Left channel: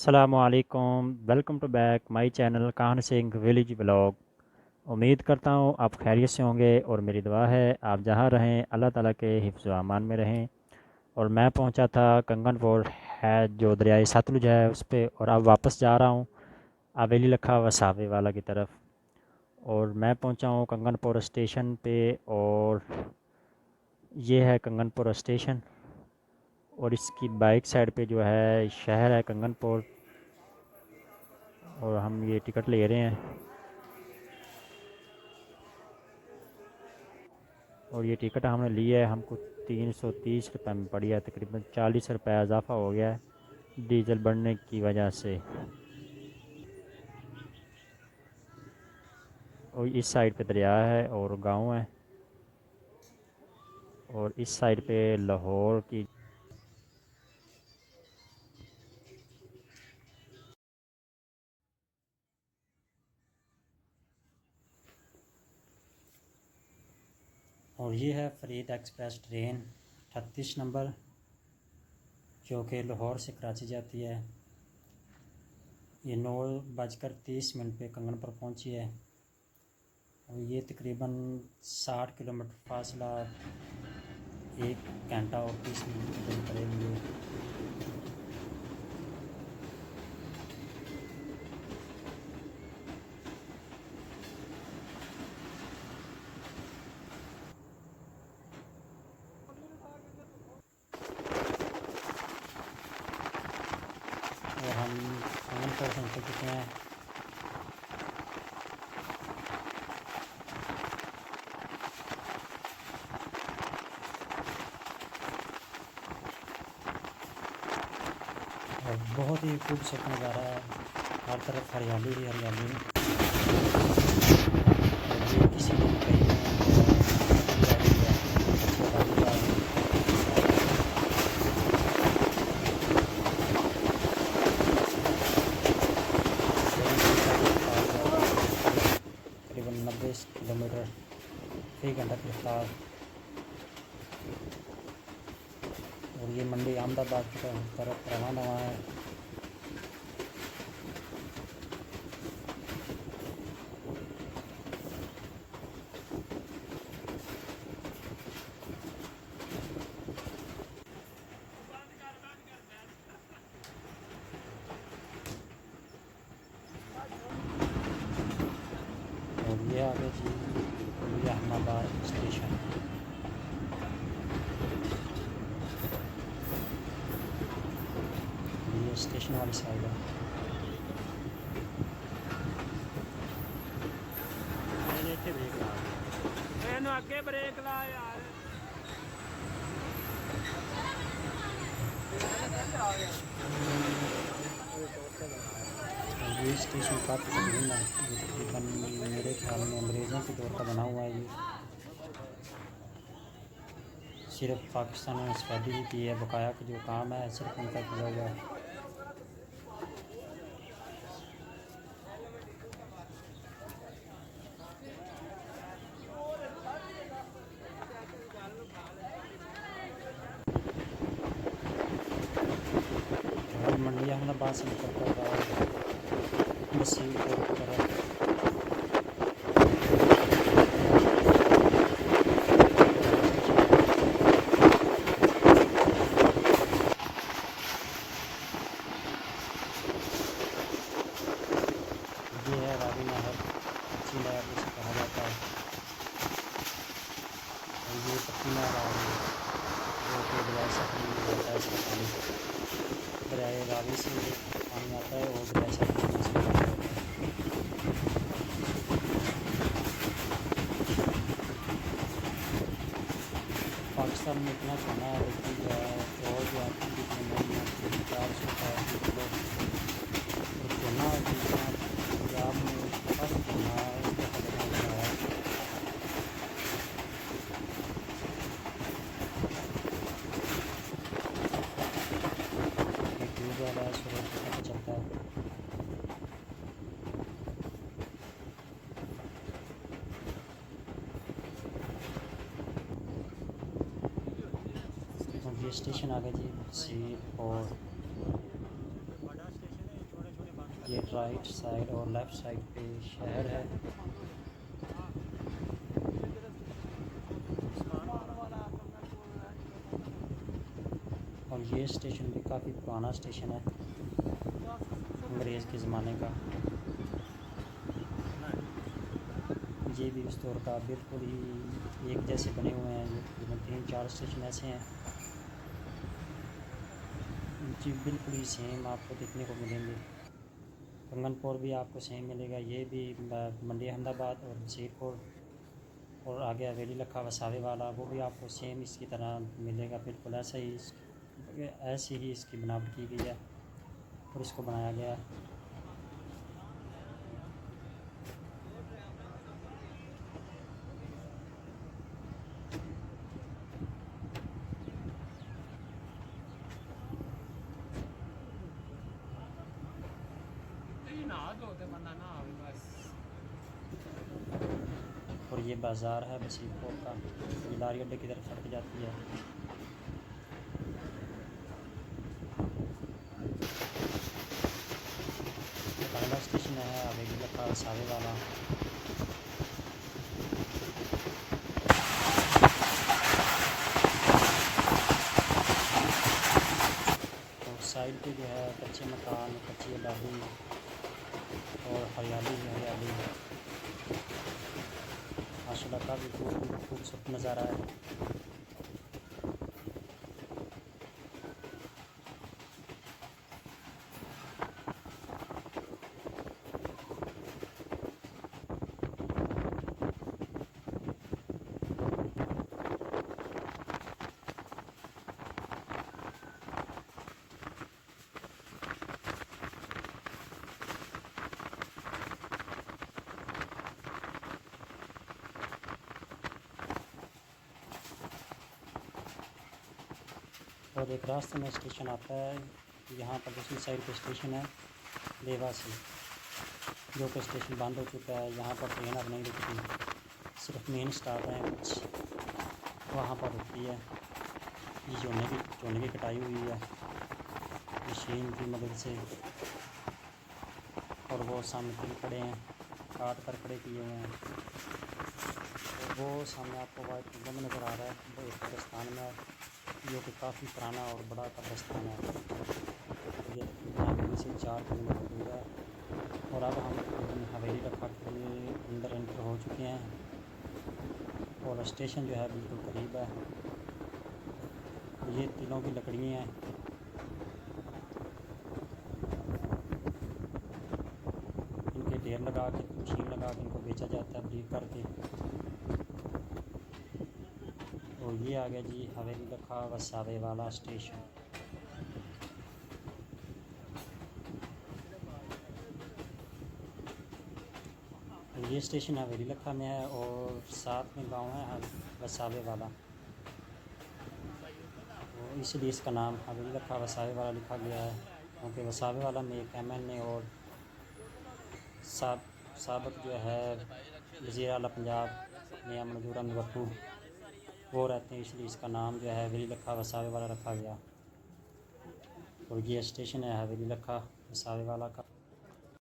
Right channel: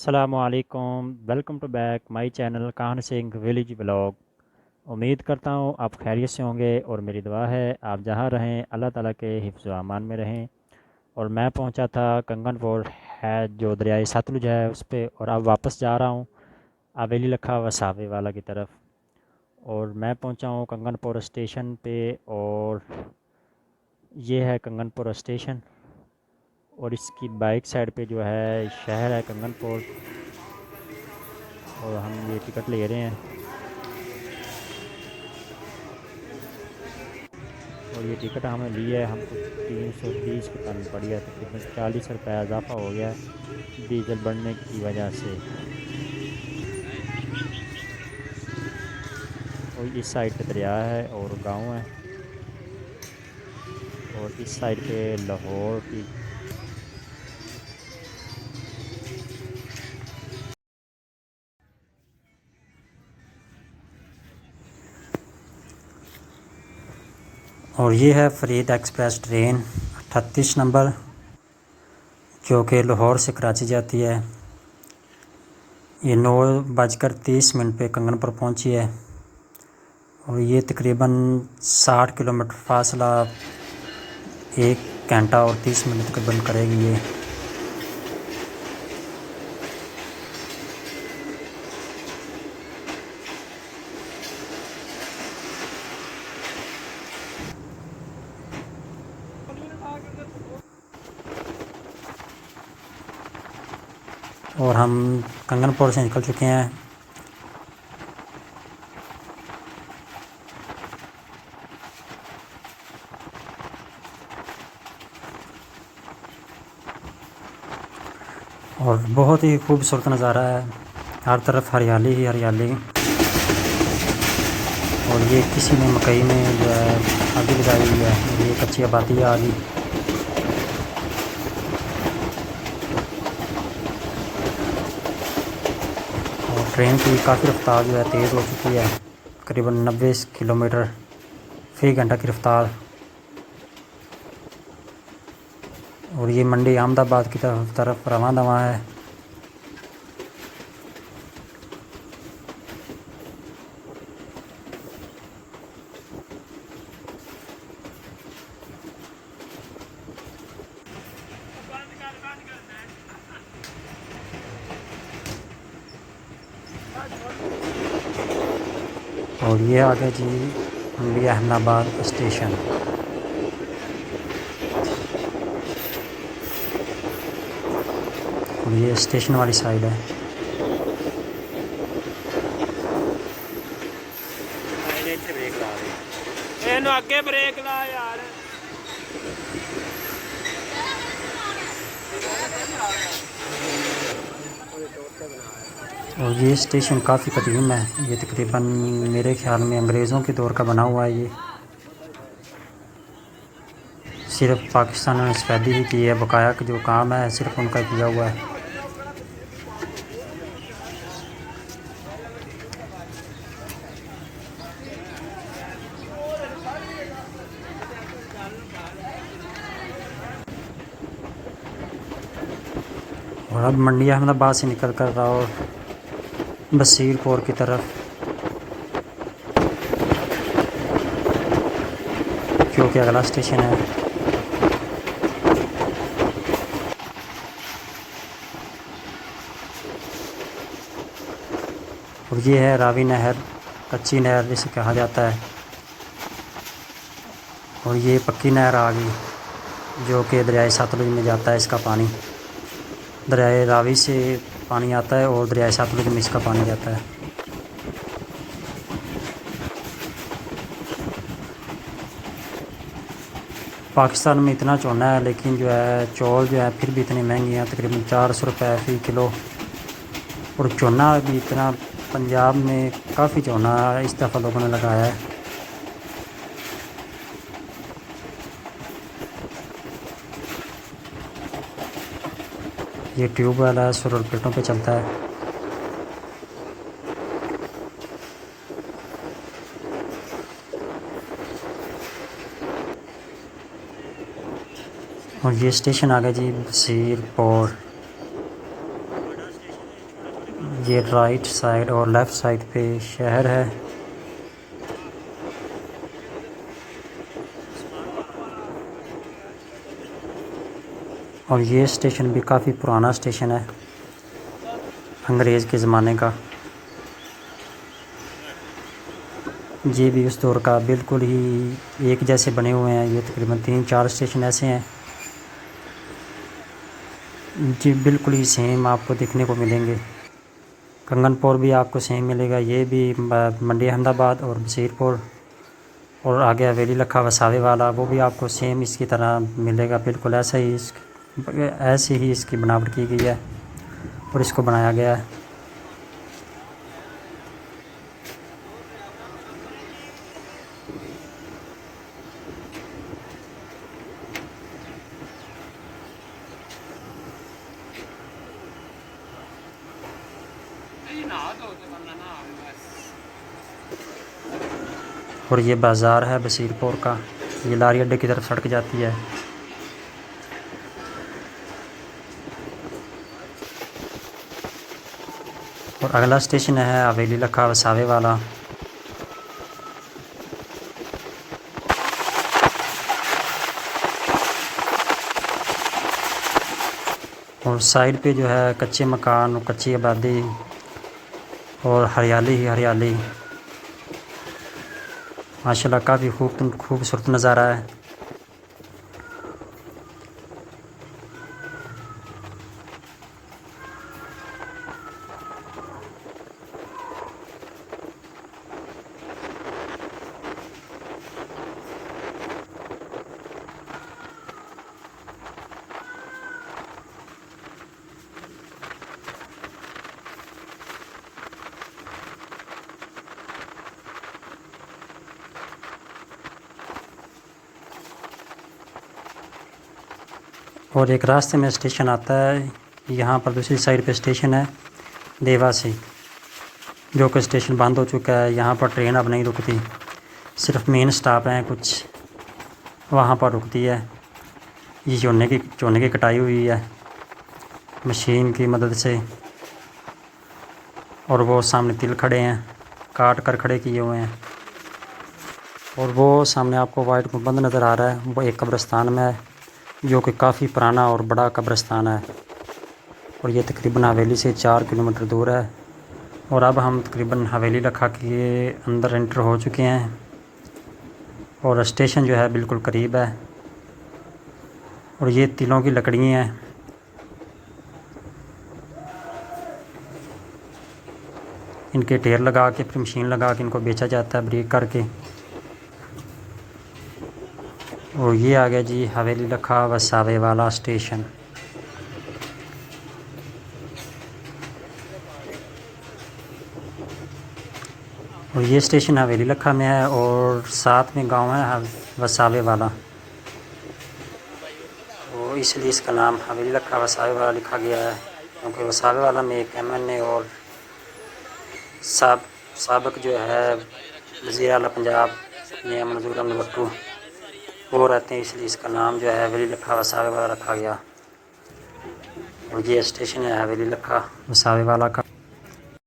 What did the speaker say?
अस्सलामुअलैकुम, welcome to back my channel Kahan Singh village blog. उम्मीद करता हूँ आप खैरियत से होंगे और मेरी दुआ है आप जहाँ रहें अल्लाह ताला के हिफ्ज़ व अमान में रहें। और मैं पहुँचा था कंगनपुर है जो दरियाए सतलुज है उस पर, और अब वापस जा रहा हूँ हवेली लखा वसावे वाला की तरफ। और मैं पहुँचा हूँ कंगनपुर स्टेशन पे, और ये है कंगनपुर स्टेशन। और इसकी बाइक साइड पे जो है शहर है कंगनपुर, और हम ये टिकट ले रहे हैं। और ये टिकट हमें ली है, हमको 330 के पन पड़ी है, तकरीबन 40 रुपये इजाफा हो गया है डीजल बढ़ने की वजह से। और इस साइड पे दरिया है और गांव है, और इस साइड पे लाहौर की। और ये है फरीद एक्सप्रेस ट्रेन 38 नंबर, जो कि लाहौर से कराची जाती है। ये 9:30 पे कंगनपुर पहुंची है, और ये तकरीबन 60 किलोमीटर फासला 1 घंटा और 30 मिनट तकरीबन करेगी ये। और हम कंगनपुर से निकल चुके हैं। और बहुत ही खूबसूरत नज़ारा है, हर तरफ हरियाली ही हरियाली। और ये किसी ने मकई में जो है आग लगाई हुई है, ये कच्ची आबादी है आगे। और ट्रेन की काफ़ी रफ्तार जो है तेज़ हो चुकी है, करीबन 90 किलोमीटर फ़ी घंटा की रफ्तार। और ये मंडी अहमदाबाद की तरफ रवाना दवा है। और ये आगे जी मंडी अहमदाबाद स्टेशन। और ये स्टेशन वाली साइड है। अगे ब्रेक ला यार। और ये स्टेशन काफ़ी कदीम है, ये तकरीबन मेरे ख़्याल में अंग्रेज़ों के दौर का बना हुआ है। ये सिर्फ पाकिस्तान ने सफेदी ही की है, बकाया का जो काम है सिर्फ उनका किया हुआ है। और अब मंडी अहमदाबाद से निकल कर और बसीरपुर की तरफ, जो कि अगला स्टेशन है। और ये है रावी नहर, कच्ची नहर जिसे कहा जाता है। और ये पक्की नहर आ गई, जो कि दरियाए सतलुज में जाता है। इसका पानी दरियाए रावी से पानी आता है और दरियाए सतलुज में इसका पानी जाता है। पाकिस्तान में इतना चौना है, लेकिन जो है चौल जो है फिर भी इतनी महंगी हैं, तकरीबन 400 रुपये फ़ी किलो। और चौना भी इतना, पंजाब में काफ़ी चौना इस दफ़ा लोगों ने लगाया है। ये ट्यूब वाला सोलर प्लेटों पे चलता है। और ये स्टेशन आ गया जी बसीरपुर। ये राइट साइड और लेफ़्ट साइड पे शहर है। और ये स्टेशन भी काफ़ी पुराना स्टेशन है, अंग्रेज़ के ज़माने का। ये भी उस दौर का बिल्कुल ही एक जैसे बने हुए हैं। ये तकरीबन 3-4 स्टेशन ऐसे हैं जी, बिल्कुल ही सेम आपको देखने को मिलेंगे। कंगनपुर भी आपको सेम मिलेगा, ये भी मंडी अहमदाबाद और बसीरपुर, और आगे हवेली लखा वसावे वाला वो भी आपको सेम इसकी तरह मिलेगा। बिल्कुल ऐसे ही इसकी बनावट की गई है और इसको बनाया गया है। और ये बाज़ार है बसीरपुर का, ये लारी अड्डे की तरफ सड़क जाती है। और अगला स्टेशन है हवेली लखा वसावे वाला। और साइड पे जो है कच्चे मकान और कच्ची आबादी और हरियाली ही हरियाली, माशाल्लाह काफ़ी खूबसूरत नज़ारा है। और एक रास्ते में स्टेशन आता है, यहाँ पर दूसरी साइड पे स्टेशन है देवासी, जो कि स्टेशन बंद हो चुका है। यहाँ पर ट्रेन अब नहीं रुकती, सिर्फ मेन स्टॉप हैं कुछ, वहाँ पर रुकती है। ये चोने की कटाई हुई है मशीन की मदद से, और वो सामने तिल खड़े हैं, काट कर खड़े किए हुए हैं। और वो सामने आपको वाइट गुंबद नज़र आ रहा है, वो एक कब्रिस्तान में है, जो कि काफ़ी पुराना और बड़ा कब्रिस्तान है। और ये तकरीबन हवेली से 4 किलोमीटर दूर है। और अब हम तकरीबन हवेली लखा के अंदर एंटर हो चुके हैं, और स्टेशन जो है बिल्कुल करीब है। और ये तिलों की लकड़ियाँ हैं, इनके ढेर लगा के फिर मशीन लगा के इनको बेचा जाता है ब्रेक करके। और ये आ गया जी हवेली लखा वसावे वाला स्टेशन। और ये स्टेशन हवेली लखा में है, और साथ में गांव है वसावे वाला, तो इसलिए इसका नाम हवेली लखा वसावे वाला लिखा गया है, क्योंकि वसावे वाला में एक MNA और साबिक जो है वज़ीर आला पंजाब मियां मंजूर अहमद भट्टू वो रहते हैं, इसलिए इसका नाम जो है हवेली लखा वसावे वाला रखा गया। और ये स्टेशन है हवेली लखा वसावे वाला का।